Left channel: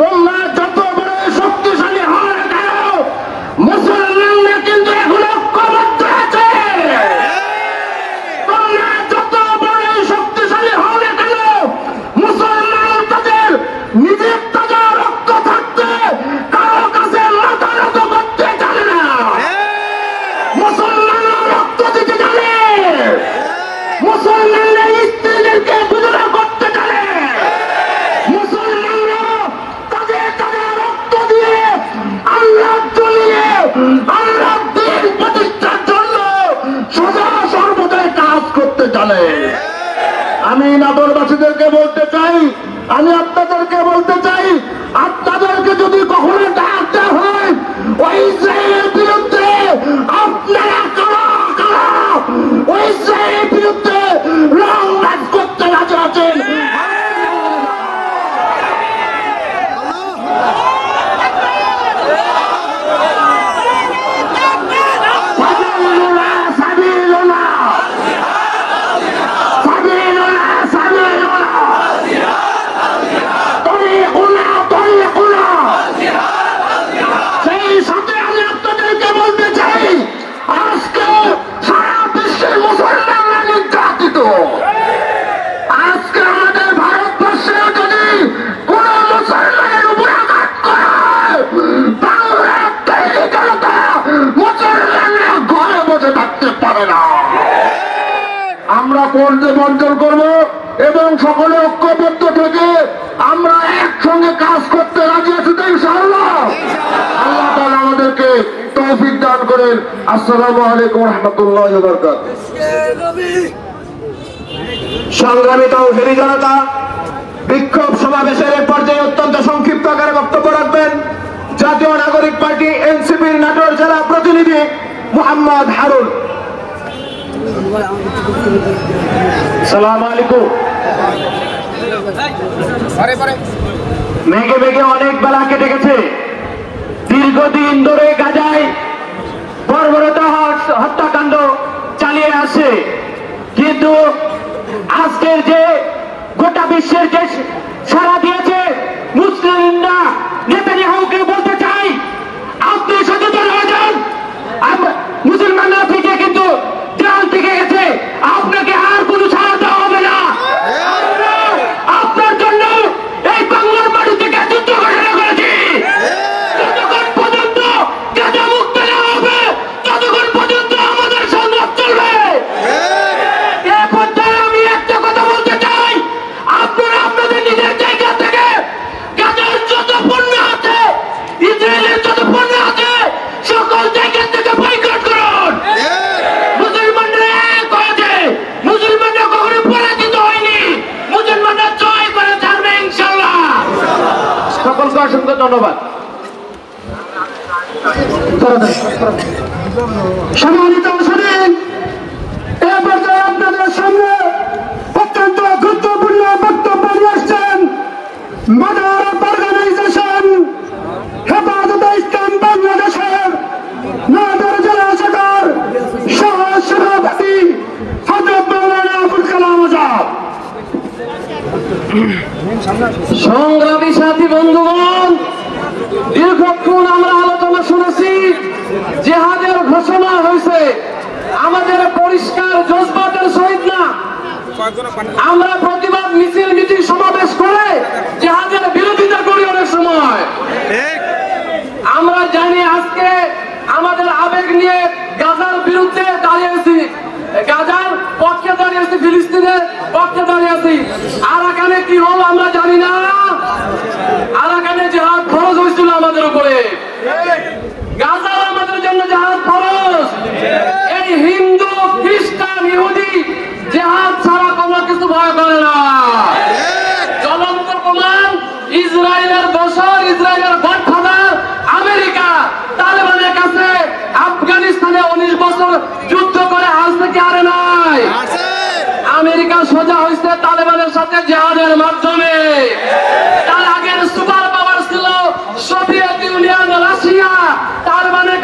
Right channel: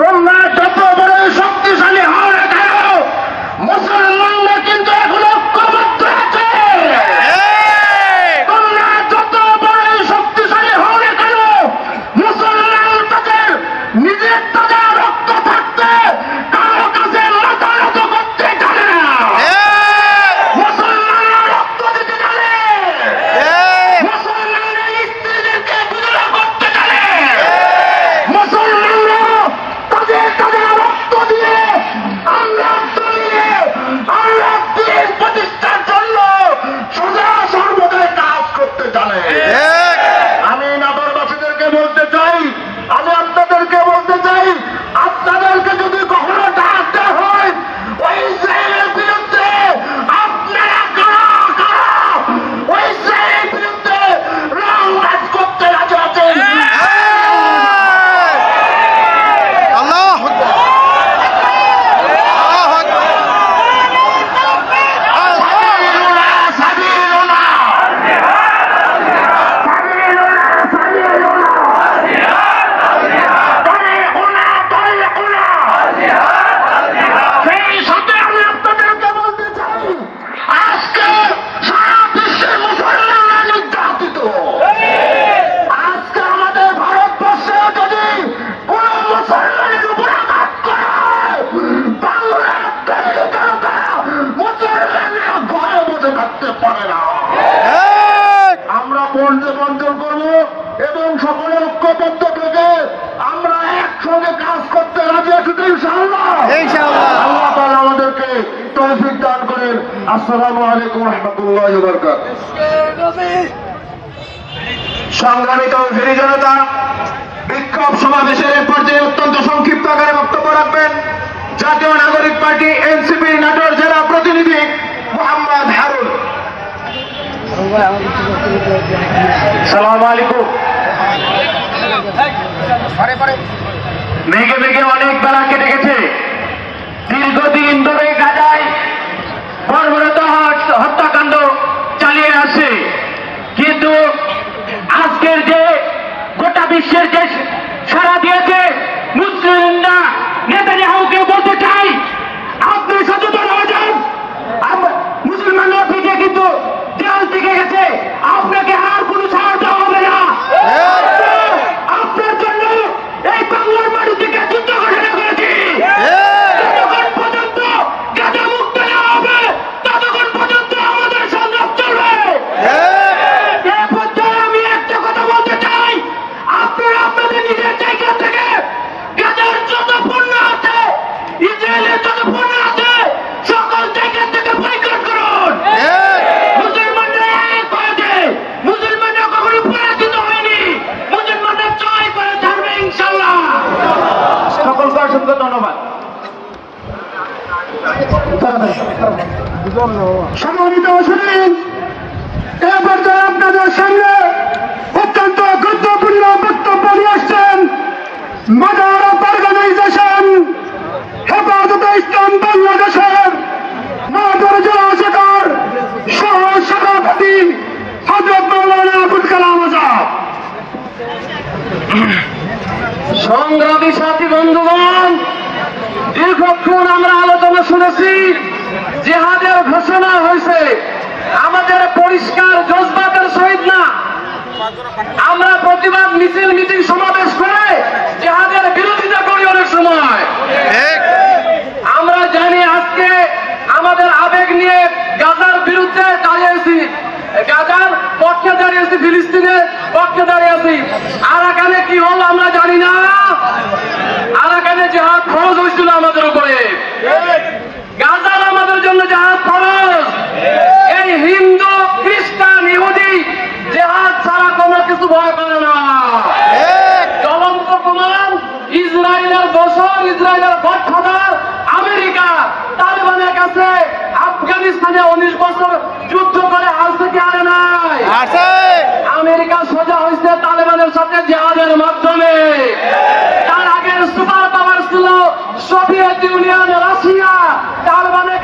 তোমরা যত বড় শক্তিশালী হও না কেন, মুসলমানরা কিন্তু এখন ঐক্যবদ্ধ আছে। তোমরা যত বড় শক্তিশালী হও না কেন, মুসলমান তাদের নিজের তাজা রক্ত থাকতে কারো কাছে মাথা নত করতে জানে না। মুসলমানরা রক্ত দিতে জানে, মুসলমানরা স্ত্রীদেরকে বিধবা করতে জানে, মুসলমানরা তাদের তাদের রক্ত দিয়ে আল্লাহ জ্বলিয়ে আল্লাহ দিন প্রতিষ্ঠার জন্য সোজা সর্বদাই কাজ করতে জানে। আমি নগরবাসীদেরকে বলতে চাই, আমি আপনাদেরকে বলতে চাই, আপনাদেরকে যদি কখনো ডাক দেওয়া হয় ওই ইসরায়েলের বিরুদ্ধে, আপনারা কারা কারা ওই ইসরায়েলের বিরুদ্ধে লং মার্চ করতে রাজি আছেন? আমরা করতে বঞ্চন করব এবং সকলে ঐক্যবদ্ধ থেকে আমরা একসঙ্গে কাজ করতে রাজি আছি তো ইনশাআল্লাহ। আল্লাহ তাআলা আমাদেরকে তৌফিক দান করেন। আসসালামু আলাইকুম ওয়া রাহমাতুল্লাহি ওয়া বারাকাতুহু। সংগ্রামী তৌহিদি জনতা, বিক্ষোভ সমাবেশের এক পর্যায়ে অত্যন্ত সংক্ষিপ্ত আকারে বক্তব্য রাখবেন জাতীয় নাগরিক পার্টি এনসিপি নাটোর জেলা প্রতিনিধি মোহাম্মদ হারুন। সালাম আলাইকুম। মেঘে মেঘে অনেক বেলা কেটে গেছে। দীর্ঘদিন ধরে গাজায় বর্বরত হত্যাকাণ্ড চালিয়ে আসে, কিন্তু আজকের যে গোটা বিশ্বের যে সাড়া দিয়েছে, মুসলিমরা নেতানিয়াহুকে বলতে চাই আপনি সচেতন হয়ে যান। মুসলমানরা থেকে কিন্তু দেয়াল থেকে গেছে, আপনাকে আর কোনো ছাড় দেওয়া হবে না। আপনার জন্য এই বাংলার মাটি থেকে যুদ্ধ ঘোষণা করেছি। যতক্ষণ পর্যন্ত গাজা মুক্ত না হবে ততক্ষণ পর্যন্ত আমাদের সংগ্রাম চলবে। এ পর্যায়ে আমি একটা কথা বলতে চাই, আপনারা আপনাদের নিজের জায়গা থেকে গাজার যত পণ্য আছে, ইসরায়েলের যত পণ্য আছে, সকল জায়গা থেকে বয়কট করুন। মুসলমানরা এক হয়েছে, মুসলমানরা কখনো পরাজিত হয়নি, মুসলমানরা জয় করে ছাড়বে ইনশাআল্লাহ। সকলকে অসংখ্য ধন্যবাদ। সম্মানিত শুনি, এ পর্যায়ে আপনাদের সামনে অত্যন্ত গুরুত্বপূর্ণ বক্তব্য নিয়ে আসছেন মাদার অফ অর্গানাইজেশন হেফাজতে ইসলাম বাংলাদেশের নাটোর জেলা শাখার সহ সভাপতি হযরত মাওলানা আবুল কালাম আজাদ। সংগ্রামী সাথী বন্ধুগণ, দীর্ঘক্ষণ আমরা আলোচনা শুনেছি, জিহাদের ঘোষণা হয়েছে, আমাদের পরিষ্কার জজবাতের সহিত না আমরা প্রতিবাদ মিছিল মিটিং সমাবেশ করে জিহাদের বিরোধিতা করি। অনেক সময় আমরা জানি আজকে আমাদের আবেগ নিয়ে গাজার বিরুদ্ধে দাঁড়িয়েছি, গাজার পক্ষে দাঁড়িয়েছি, ফিলিস্তিনের পক্ষে দাঁড়িয়েছি। আরাকানে কি হল আমরা জানি না, আরাকানে জিহাদ ফরজ হয়েছিল আমাদের উপরে, গাজার আমাদের জন্য জিহাদ ফরজ। এই হিন্দু খ্রিস্টান ইহুদি জিহাদ ছাড়া কোনো কিছু ভয় করে না। জ্বলন্ত প্রমাণ ইসরায়েলের দোসর, ইসরায়েলের গডফাদার আমেরিকা তালেবানের কাছে আফগানিস্তানে 19 বছর যুদ্ধ করে আজ থেকে হারে নাই। আমেরিকা সোজা হয়েছে তালেবানের সাথে জিহাদের মাধ্যমে। তার আগের সুপার পাওয়ার ছিল সোভিয়েত ইউনিয়ন, রাশিয়া। তালেবানের